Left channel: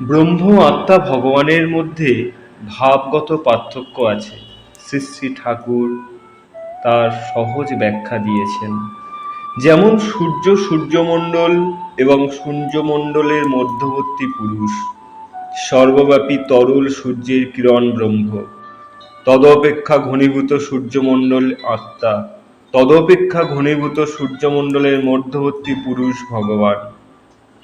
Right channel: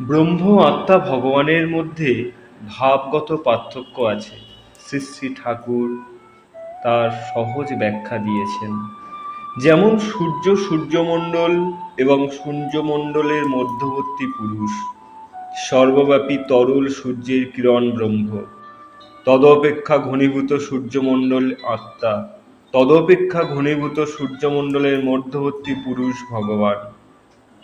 ব্রহ্ম আত্মা ভগবানের মধ্যে ভাবগত পার্থক্য আছে। শ্রী শ্রী ঠাকুর তার সহজ ব্যাখ্যা দিয়েছেন। যেমন সূর্য সূর্যমণ্ডল এবং সূর্যমণ্ডলের মধ্যবর্তী পুরুষ, সর্বব্যাপী তরল সূর্যের কিরণ ব্রহ্ম। তদপেক্ষা ঘনীভূত সূর্যমণ্ডল আত্মা, তদপেক্ষা ঘনীভূত সূর্যমণ্ডলের মধ্যবর্তী পুরুষ ভগবান।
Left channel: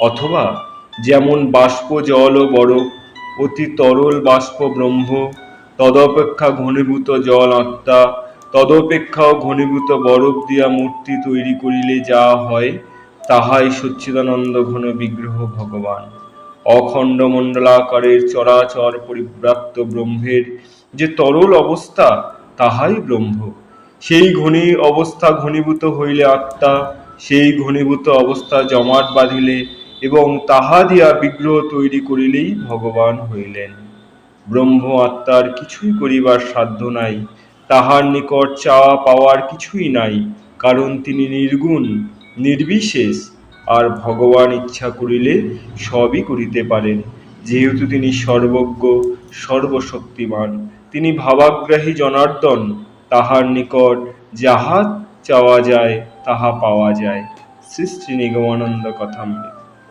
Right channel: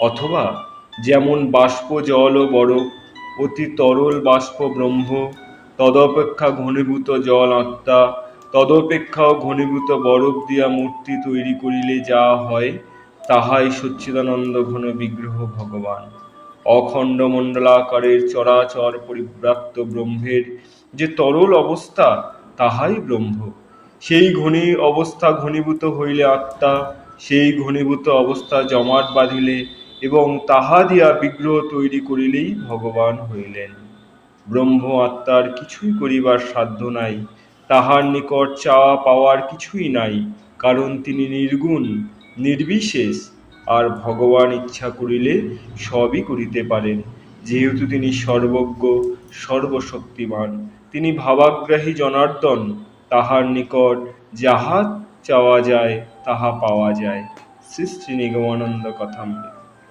অথবা যেমন বাষ্প, জল ও বরফ অতি তরল বাষ্প ব্রহ্ম, তদপেক্ষা ঘনীভূত জল আত্মা তদপেক্ষাও ঘনীভূত বরফ দিয়া মূর্তি তৈরি করিলে যা হয়, তাহাই সচ্চিদানন্দ ঘন বিগ্রহ ভগবান। অখণ্ড মণ্ডলাকারের চরাচর পরিব্রাপ্ত ব্রহ্মের যে তরল অবস্থা, তাহাই ব্রহ্ম। সেই ঘনী অবস্থা ঘনীভূত হইলে আত্মা, সেই ঘনীভূত অবস্থা জমাট বাঁধিলে এবং তাহা দিয়া বিগ্রহ তৈরি করিলেই ভগবান হইলেন। ব্রহ্ম আত্মার কিছুই করিবার সাধ্য নাই, তাহার নিকট চাওয়া পাওয়ার কিছুই নাই, কারণ তিনি নির্গুণ, নির্বিশেষ, আর ভগবান ইচ্ছা করিলে সবই করিতে পারেন। যেহেতু তিনি সর্বজ্ঞ, সর্বশক্তিমান, তিনি ভাবাগ্রাহী জনার্দন, তাহার নিকট যাহা চাওয়া যায়, তাহা পাওয়া যায়। শ্রী শ্রী নিগমানন্দ কথামৃত।